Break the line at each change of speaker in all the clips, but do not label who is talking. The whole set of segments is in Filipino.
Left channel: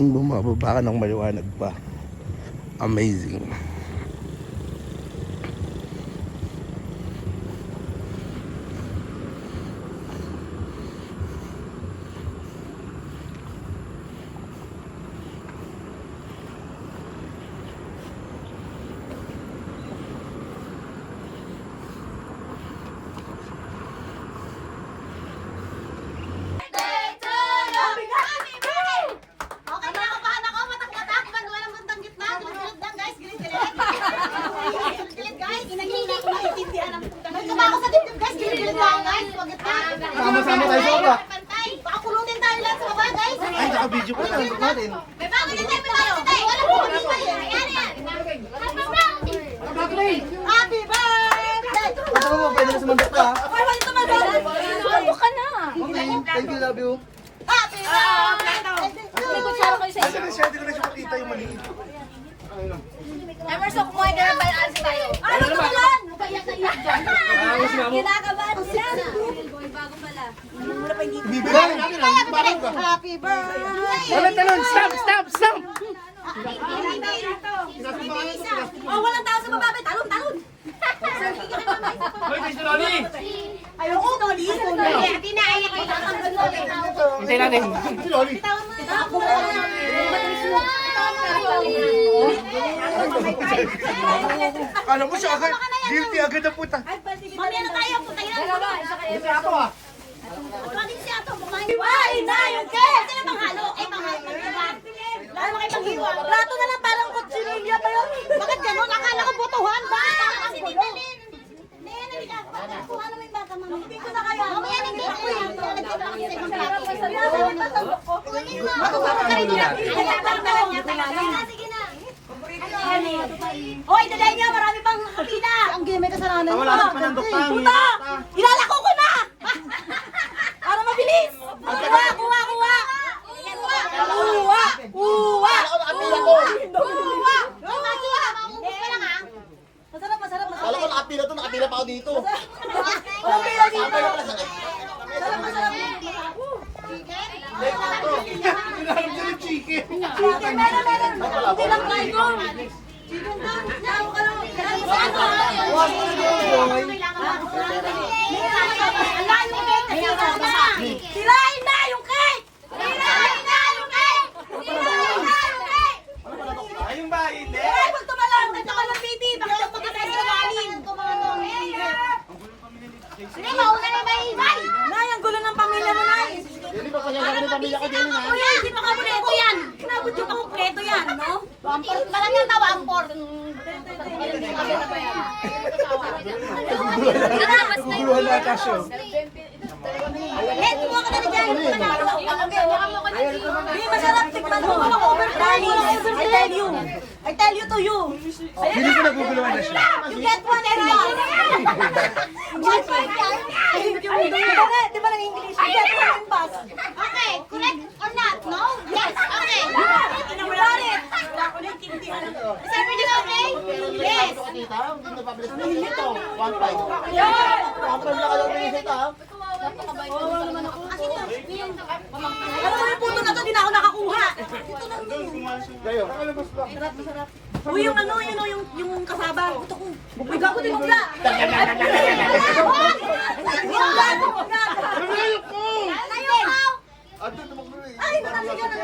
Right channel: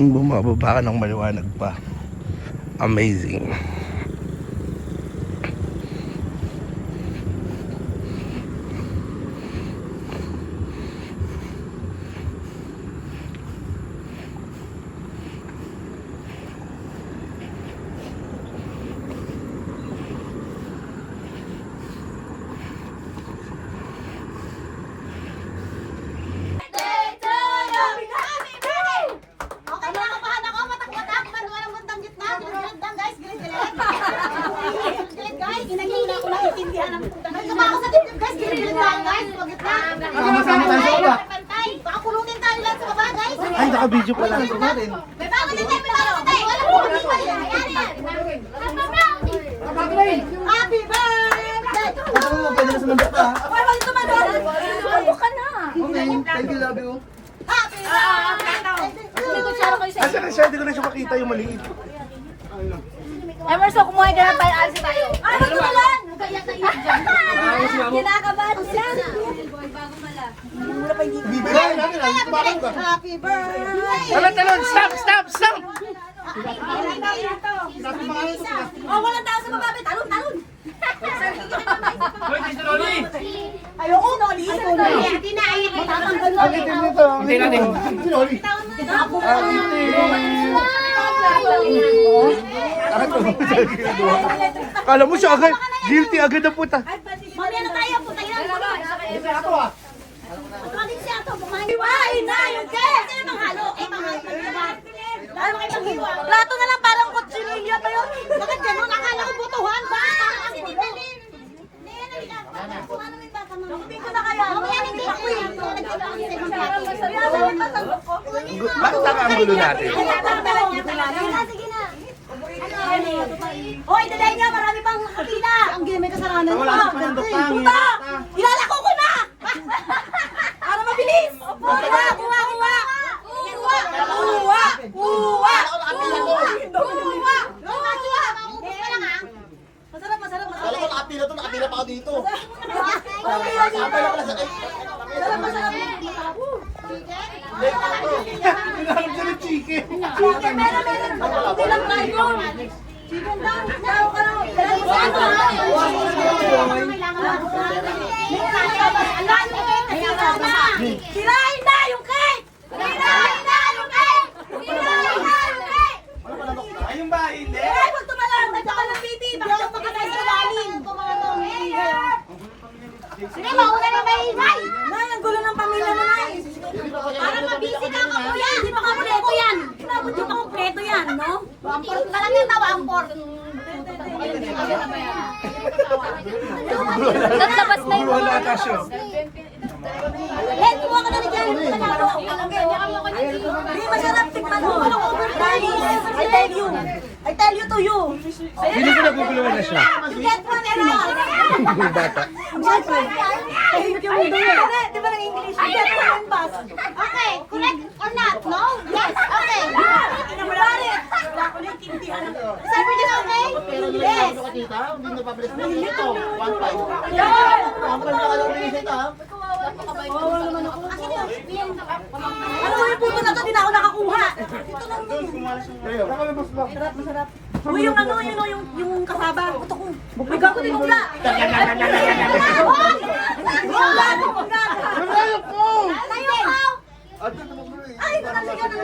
Bumababa ka ng maliwanag pa. Amazing.
Okay na, kapahan ako, matak-matak, manuwalang gandang gitna, gilid-gilid guys, gilid-gilid. Gilid-gilid guys, inagilid ako naiintindihan ng May kumako sa dibdib guys, gilid-gilid lang guys, huwag gitna. Pantay, pantay, baka kulungin tayo lang sa baba guys.
Ay, naka-video pa lang.
May bago din tayo, may bago din tayo, wala po pa yan. Ayan yan. Happy birthday!
Ito pwede na sumandok ka.
Wala wala tumagal. Ano ka na?
Thank you, love you.
Happy birthday!
Pwede ko na siya makita yung maliit.
Emerson, kumuha ka ng balaan tayo.
Ay, magkawalan!
Kinakabahan sila. Bago pala.
Bibigay natin, ah. Bakit ba?
Happy birthday!
Talon, talon! Stop! Stop! Stop!
Oh, walang tao sa baba, may talon, talon. Ayoko, Noli. Hindi na, ay,
Hindi natin. Sino, Oli?
Kala mo siya agad, guilty agad na puta.
Mamaya na tayo, punta yan.
Ito ako ah.
Ito, Ay, na, yun ka. Hindi na manghalo. Eh, manghalo. Lalo kayo panghiwa. Plato na lang parang kutsilya pa yun. Bakit ganun? Akala ko butuhan ba? Hindi ko na kaya. Mamaya hindi ako plato.
Bakit saka ang gulo natin?
Sige na. Hoy, daday niya, marami pang nakakita. Ang game may kasalanan
Wala sa panandok pa.
Puta! Ilalako ko na! Para mabilis! Kuha, kuha, kuha! Kuha! Kuha! Kuha! Kuha! Kuha! Masarap, masarap,
Kala
masarap.
ko nakapila to, nakapila pa ako dito.
Okay, okay. Masarap, masarap.
Kinaharap ko ng chicken.
Chicken, meron, meron. Hindi lang tayo. Chicken lang. Tao ka lang. Sirain na yung cake! Sirain na yung cake! Sirain na yung cake!
Ayun ba, hindi?
Eh, huwag tumalon! Nandiyan ka ng baby! Bakit ang pagkakay sa ilalim? Sige, na ingay! Nay, ang gulo ng pamilya mo, Nay! Ano mabisi ka mo, kuya? Hindi pa kompleto yan! Yung pa kompleto yan, no? Amport na lang yan, tawa, amport!
Naglabas na yung mga.
Eh, kumuha ka na na dyan! Hindi masarap, tikman mo! Promise! I tell you! I tell you to you!
Hindi ko naguguluhan na siya.
You get one and one! Get one yung mundo eh. Di ba ng English? You get one and bus. Okay, correct or not? No? Yes, okay. You got it. Is everything okay? Yes.
Kita, hindi Kayo.
Uy, yung ano, yun o, yung, yung kasaba. Puto ko. Bigyan ko din sila.
Namayok mo!
Layo ka!
At ito magmulo eh.
Ay, nakaligan ng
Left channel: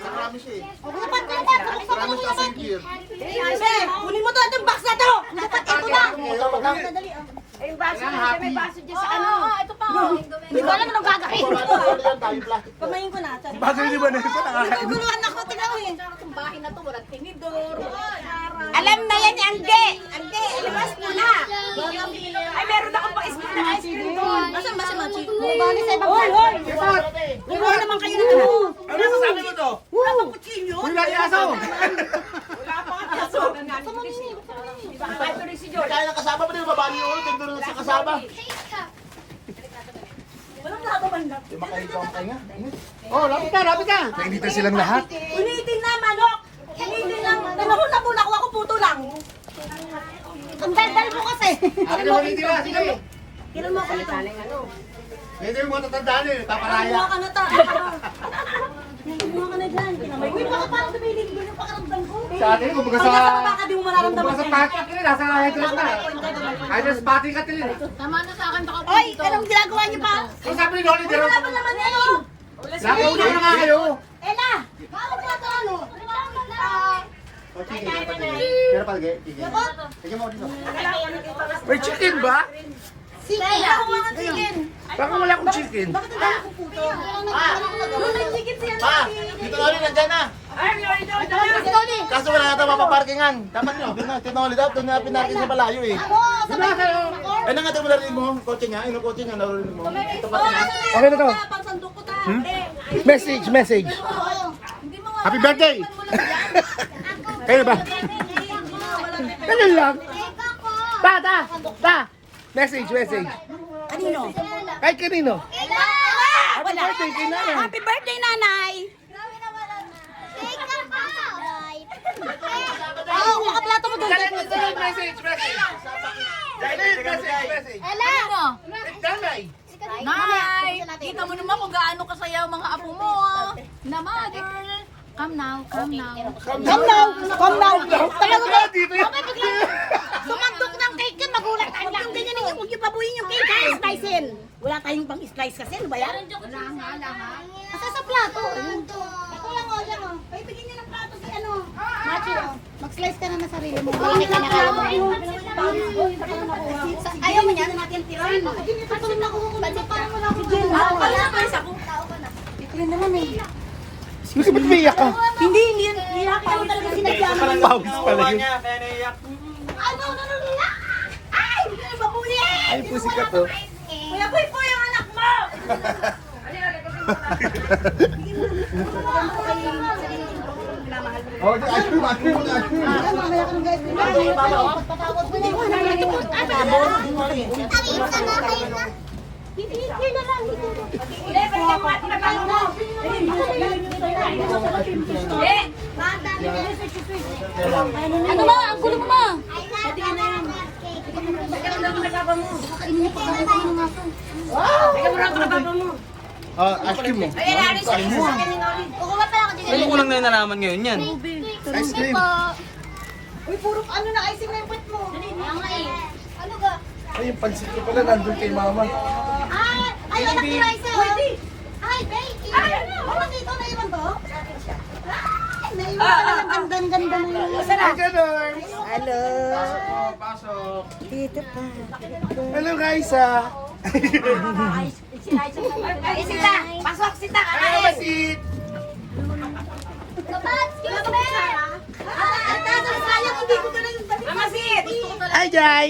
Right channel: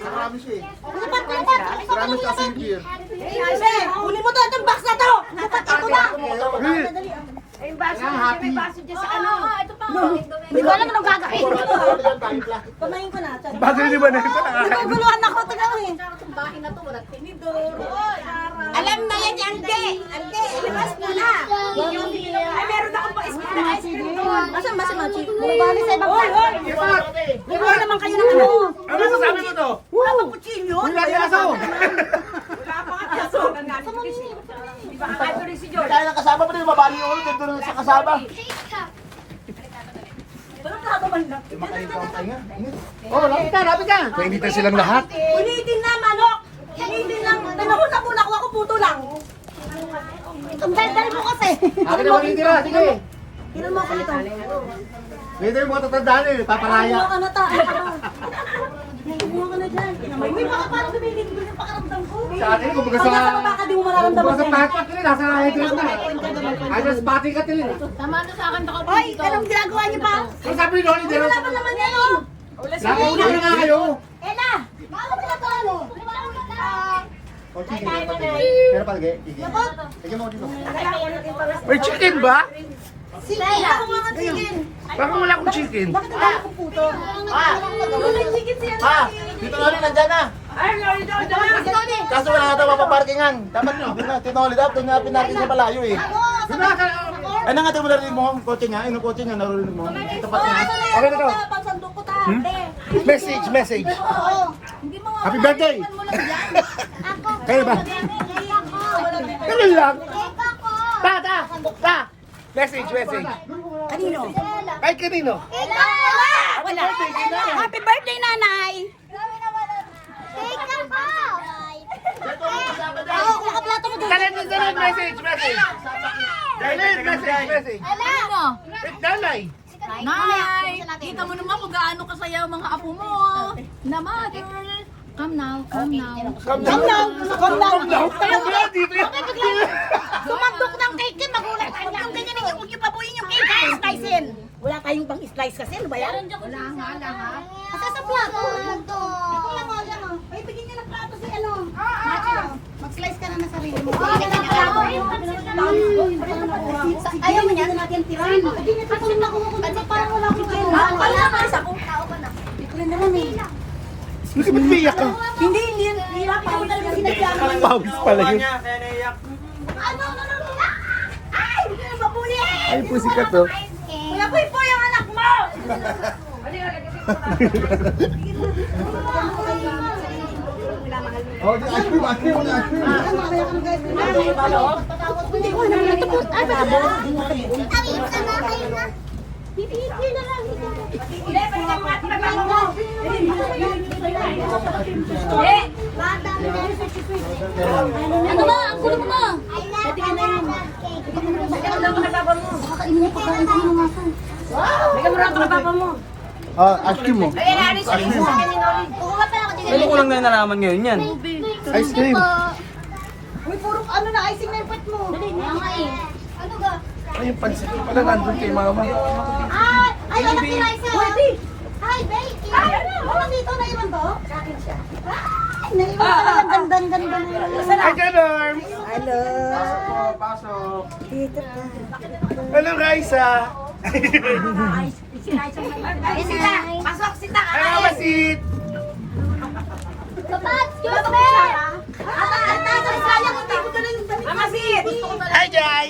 Marami siya eh.
Dapat, dapat.
Marami sa asin gear.
Sige, kunin mo to. Itong box na to. Dapat ito na. Madali.
Ayun ba? May baso dyan sa ano. ito pa.
Hindi ko alam anong gagawin. Pamayin ko na.
Bagay ni pa nakakain.
Naguguluhan ako. Tignan mo eh.
Itong bahay na to, walang tinidor.
Alam na yan, Ande. Ande, ilabas mo na. Ay, meron akong pa-spin na ice cream doon. Nasaan ba si Machi? Bumabali sa ibang plato. Kumuha naman kayo ng ano.
Ano sasabi mo to?
Wala pang kutsilyo.
Wala si Aso! Kaya ng kasama mo din, mabali yung ulo, dito sa kasama. Oh, lapit ka, lapit ka!
Nainitan silang lahat.
Ulitin na, manok. Ulitin na. Nanahon na po, nakuha ko puto lang. Ang dal mo kasi.
Akin naman yung tira, sige!
Kinan mo ako nito.
Yung mga tatandaan eh, paparaya.
Ano ka na ta? Kumuha ka na dyan. May may baka parang tumigil din sa pakaramdam ko.
Sa akin, kung baga
Pag
sa...
mararamdaman
pahat ka tilin, nasa headrest na. Ay, nasa bati ka tilin.
Tama na sa akin, baka
Ay, anong ginagawa niyo ba?
Ang sabi ni Dolly,
Wala pa naman yan oh.
Napauna na nga kayo.
Ella! Ano ginagawa mo?
O, sige, meron pa tigil. Tigil. Mo dito.
May chicken ba?
Tingin.
Baka wala akong chicken.
Bakit ang dami puto? Siya.
Pa, dito Dolly, nandyan na. Kaso wala na ito mapaparkingan. Dapat na, Dolly, dapat doon na pinarking sa malayo eh. Ano nga, di mo narinig mo ang kotse niya? Yung kotse niya, narinig mo. Dito
Oh,
ka tingnan.
ano na ito? Pagsandok ko ta.
Message, message. Happy birthday! Kayo ba? Ganun lang. Ta, ta, ta. Message, message.
Kanino?
Kahit kanino.
Wala. Happy birthday, nanay! Oo, makaplato mo doon.
Dalit, dalit, message, message. Dalit, message, message.
Ano?
Dalay.
Nay! Kita mo naman kung gaano kasaya ang mga apo mo. Na mother. Come now, come now.
Come down! Come down! Talaga ba? Bakit biglang sumandok ng cake yan? Magulat tayo. Huwag yung ganyan yung huwag yung pabuyin yung cake. Ay, slicein. Wala tayong pang slice kasi. Ano ba yan?
Wala nga, wala nga.
Asa sa plato? Ito lang, oh, yan, oh. Ay, bigyan ng plato si ano. Mag-slice ka na na sarili mo. Ayaw mo niyan? Hindi niya pa kung nakuha ko. Parang wala akong gin. Ako pala na kayo sa kung tao ka na. Ito lang naman eh.
Bakit umiyak ka?
Hindi, hindi yan. Hindi yan. Pawis talaga sinadya mo.
Pawis pala yun.
Ano, ano, ano, ano? Ay! Hindi na mapuli!
Ay, pusi ka to.
Kuya Koy po yung anak mo!
Oh, di- ice cream, ice cream, ice cream.
Hindi ko na ito. Ay, babo.
Ano ba? Ang gulo mo ba?
Patingin na yan.
Ah, ice cream mo.
Kukuha pala ako dito.
Ano ko lang na nalaman ngayon yan?
Ice cream.
Uy, puro ano na icing na yung puwet mo. Ano ga?
Ay, yung pansit ko pala nandun kay mama.
Ay, ay, anak ni Raisa. Ay, babe. Ay, ano? dito na iwan to? Ay, naiwan ka lang. Ang ganda, ang ganda.
Hi, Generms!
Hello.
Pasok, pasok.
Dito pa.
Hello, Raisa!
Ay, sita. Pasok, sita.
Hello, Basit!
Papa, excuse me. Ang tatay, sayang kung dito ka na yung damit. Amasit.
Hi, Jai!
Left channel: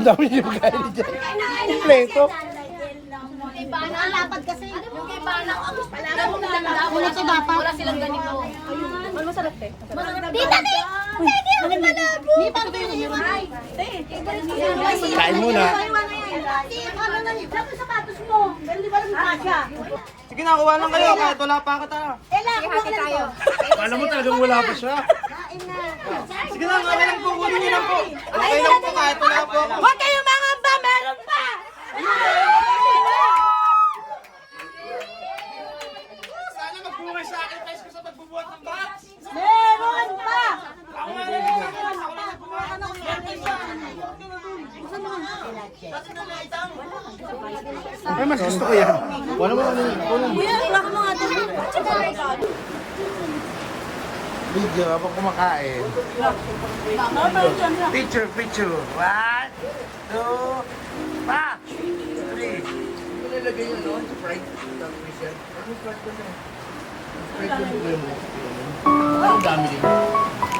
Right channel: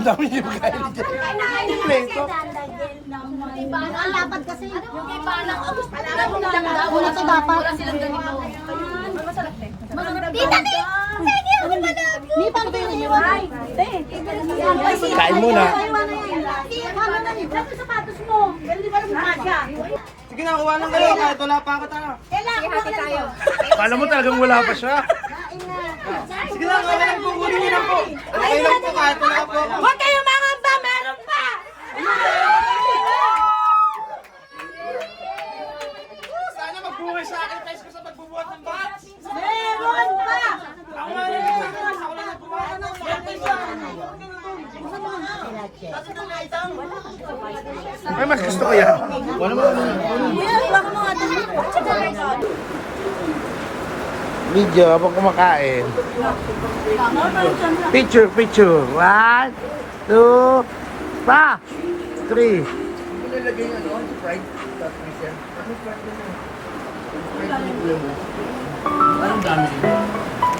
Ang dami niyo kain ni Jai. Kompleto.
Ang lapad kasi.
Yung kay Banang, ang gusto nila mo lang
Wala to dapat.
Wala silang ganito.
Tita, tita. Tita, ako malabo. Di pa ba yung iwan?
Kain muna.
Ano na ni? Saan yung sapatos mo? Pero di ba lang kasya?
Sige na, kuha lang kayo kahit wala pa ka tayo.
Ella, hati tayo.
Kala mo talagang wala pa siya.
Kain na.
Sige na, kaya lang kukunin niyo lang po. Okay lang po kahit wala po ako.
Huwag kayong mangamba, meron pa!
Sana magbuhay sa akin, guys, ko sa magbubuhat ng bahat.
Meron pa!
Ay, mas gusto ko yan. Wala mo
iwan ko mga ito.
Video habang kumakain. Picture, picture. One, two, pa, three. Nilagay niyo ano? Fried? Ang dami.